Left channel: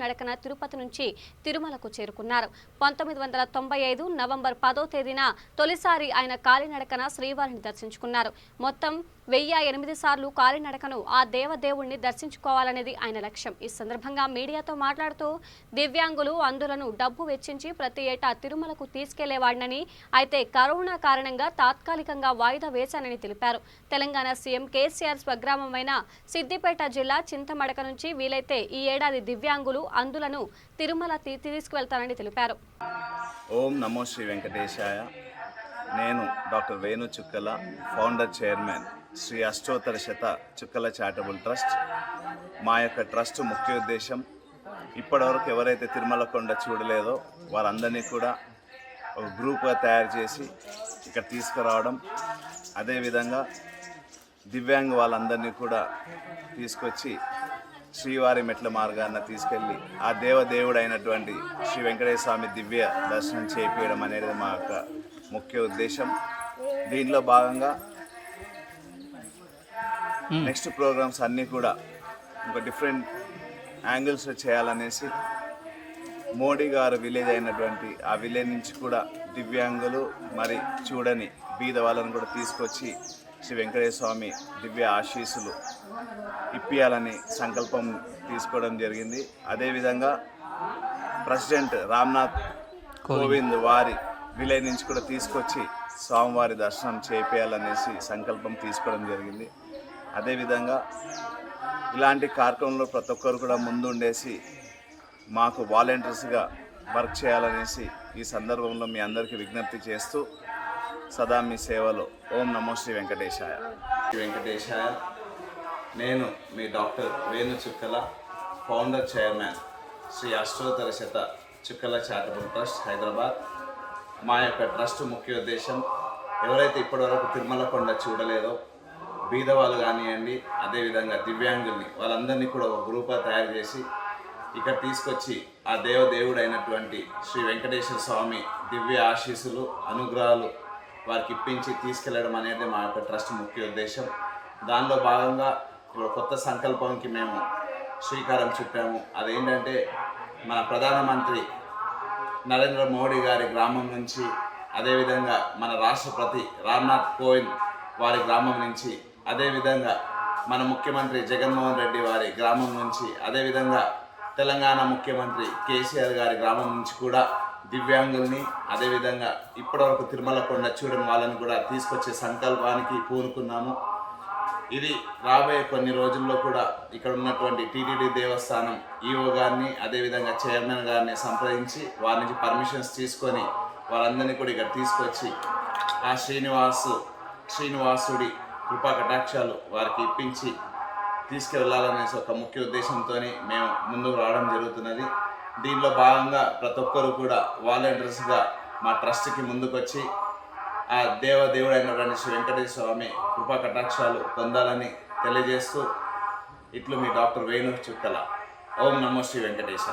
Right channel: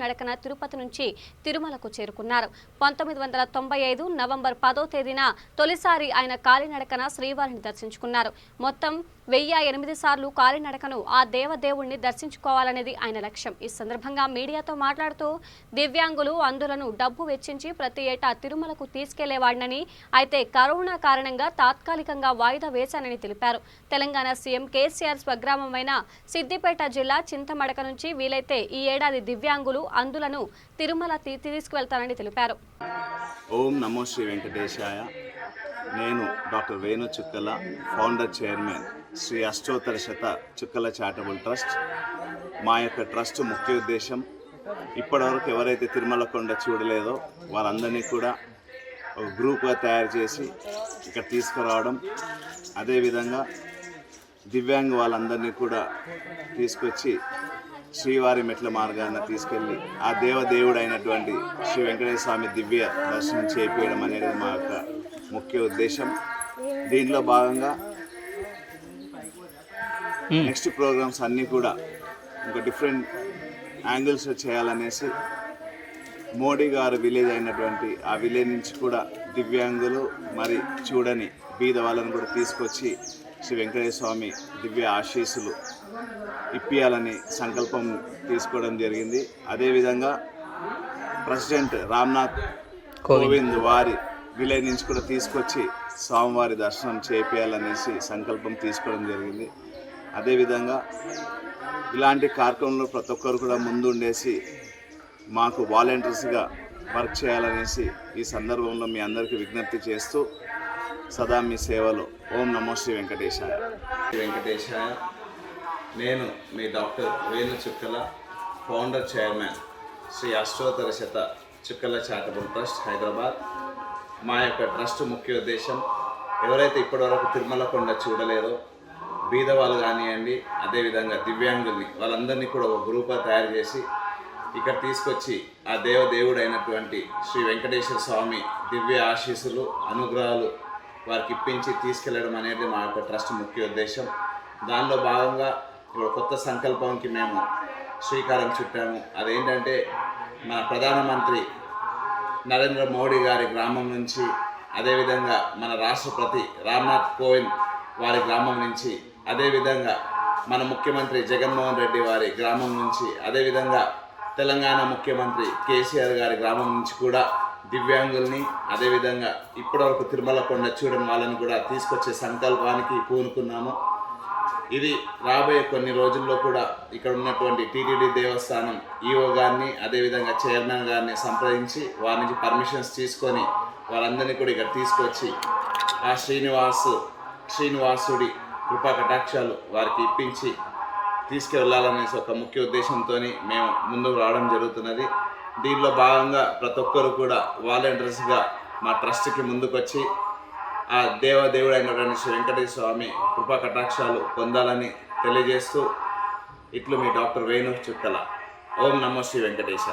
నడకన తిరుపతి నుంచి తిరుమలకు చేరుకున్నారు. 1995 నవంబర్ 10వ తేదీన తొలిసారి ఆయన కాలినడకన శ్రీవారిని దర్శించుకున్నారు. మొత్తం 1008 సార్లు కాలినడకను ఆ దేవదేవుణ్ణి దర్శించుకోవాలనేది ఆయన లక్ష్యం. ఈ సందర్భంగా మీడియాతో మాట్లాడుతూ దివ్యాంగులు అందులను డబ్బు వెచ్చించి ప్రతి ఏటా తిరుమలకు తీసుకెళ్లేవాడినని, అయితే కరోనా కారణంగా తాత్కాలికంగా వాయిదా వేశానని తెలిపారు. తెలంగాణ సీఎం కేసీఆర్ స్వగ్రామమైన సిద్దిపేట జిల్లా చింతమడక నుంచి వీలైతే ఈ ఏడాది దివ్యాంగులు అందులను తిరుమల తీసుకువెళ్తానని తెలిపారు. ఓం నమో శ్రీ వెంకటేశాయ. నేను డాక్టర్ వేణు చుక్కల, ఫౌండర్ చైర్మన్ శ్రీ అష్టోత్తర శత చుక్కల చారిటబుల్ ట్రస్ట్. మా యొక్క ట్రస్ట్ ముఖ్య ఉద్దేశం ఇప్పటివరకు ఎవరైతే తిరుమల కొండ చూడలేదో వాళ్ళందరినీ కూడా ఒక గ్రూప్గా తయారు చేసి ఇక్కడ తీసుకురావడం, అదేవిధంగా దివ్యాంగ వాళ్ళందరినీ కూడా తీసుకొచ్చి శ్రీవారి మెట్ల మార్గాన్ని తీసుకెళ్ళి ఆ దేవదేవుడు అయినటువంటి శ్రీ వెంకటేశ్వర స్వామి దివ్య దర్శనం చేయించడం అనేది మా యొక్క ముఖ్య ఉద్దేశం. దీనిలో భాగంగా నెక్స్ట్ ప్రోగ్రామ్స్ అన్నీ కూడా ఇంకా డిఫరెంట్ యాంగిల్స్లో చేయాలనేసి మోడీ గారు విలేజ్ అయినటువంటి ఆ విలేజ్ నుంచి కూడా దివ్యాంగులు మరి చూడని బీద వాళ్ళని కూడా తీసుకొచ్చి శ్రీ వెంకటేశ్వర స్వామి దివ్య ఆశీస్సులు ఇప్పియాలని సంకల్పం తీసుకోవడం జరిగింది. అదేవిధంగా ప్రెసిడెంట్ రామ్నాథ్ కోవింద్ వారి విలేజ్ నుంచి కూడా తీసుకొచ్చి స్వామివారి దర్శనం చేయాలనేసి సంకల్పం తీసుకోవడం జరిగింది. అదేవిధంగా ఇలాంటి కార్యక్రమంలో ప్రతి ఒక్కరు కూడా ముందుండేసి మాకు వాలంటీర్స్గా వర్క్ చేయాలనేసి ఈ సందర్భంలో మీ అందరికీ విజ్ఞప్తి చేస్తూ సదా మీ సేవలో. ఓం నమో శ్రీ వెంకటేశాయ. వెంకటేశాయ. నేను మీ డాక్టర్ వేణు చుక్కల, ఫౌండర్ చైర్మన్ శ్రీ అష్టోత్తర శత చుక్కల చారిటబుల్ ట్రస్ట్, హైదరాబాద్. మా యొక్క ట్రస్ట్ ముఖ్య ఉద్దేశం ఎవరైతే ఇప్పటివరకు తిరుమల కొండ చూడలేదో బీదవాళ్ళు కానివ్వండి, అదేవిధంగా దివ్యాంగుల్ని వాళ్ళందరినీ కూడా ఒక గ్రూప్గా తయారు చేసి ఇక్కడ తీసుకొచ్చి ఆ దేవదేవుడు అయినటువంటి శ్రీ వెంకటేశ్వర స్వామి దివ్య ఆశీస్సులు, అనుగ్రహాలు వారికి ఇప్పించి తీసుకెళ్లడం అనేది మా యొక్క ట్రస్ట్ ముఖ్య ఉద్దేశం. దానిలో భాగంగా ఇప్పుడు కొత్త సంకల్పంకి మేము శ్రీకారం చుట్టాము. అదేంటంటే మన ప్రధానమంత్రి నరేంద్ర మోడీ గారి గ్రామం నుంచి, అదేవిధంగా మన రాష్ట్రపతి రామ్నాథ్ కోవింద్ వారి గ్రామం నుంచి, అదేవిధంగా మన ముఖ్యమంత్రి జగన్మోహన్ రెడ్డి వారి గ్రామం నుంచి, అదేవిధంగా తెలంగాణ ముఖ్యమంత్రి కేసీఆర్ గారి గ్రామం నుంచి కూడా దివ్యాంగుల్ని, అదేవిధంగా ఇప్పటివరకు తిరుమల కొండ చూడని వాళ్ళని కూడా తీసుకొచ్చే సంకల్పానికి పూనుకున్నాము. ఇది రాబోయే కొన్ని రోజుల్లో కూడా ఇక్కడ ఉన్నటువంటి టీటీడీ దేవస్థానం ఈఓ గారిని, అదేవిధంగా చైర్మన్ గారిని సంప్రదించి వారి నుంచి పర్మిషన్స్ తీసుకొని వారందరినీ కూడా ఇక్కడ తీసుకొచ్చి ఆ శ్రీనివాసుడి కృపా కటాక్షాలు వారికి ఇప్పించి తీసుకెళ్లాలనేసి ఒక ముఖ్య ఉద్దేశంతో మేము ముందుకు రావడం జరుగుతున్నది. దీనిలో భాగంగా ప్రతి ఒక్కరు కూడా వాలంటీర్స్గా మా ట్రస్ట్కి ముందుకొచ్చి ఆ దేవదేవుడు అయినటువంటి శ్రీ వెంకటేశ్వర స్వామి కృపా కటాక్షాలు పొందాలని తెలియజేస్తూ ఇట్లు మీ డాక్టర్ వేణు చుక్కల. ఓం నమో శ్రీ వెంకటేశ్వర.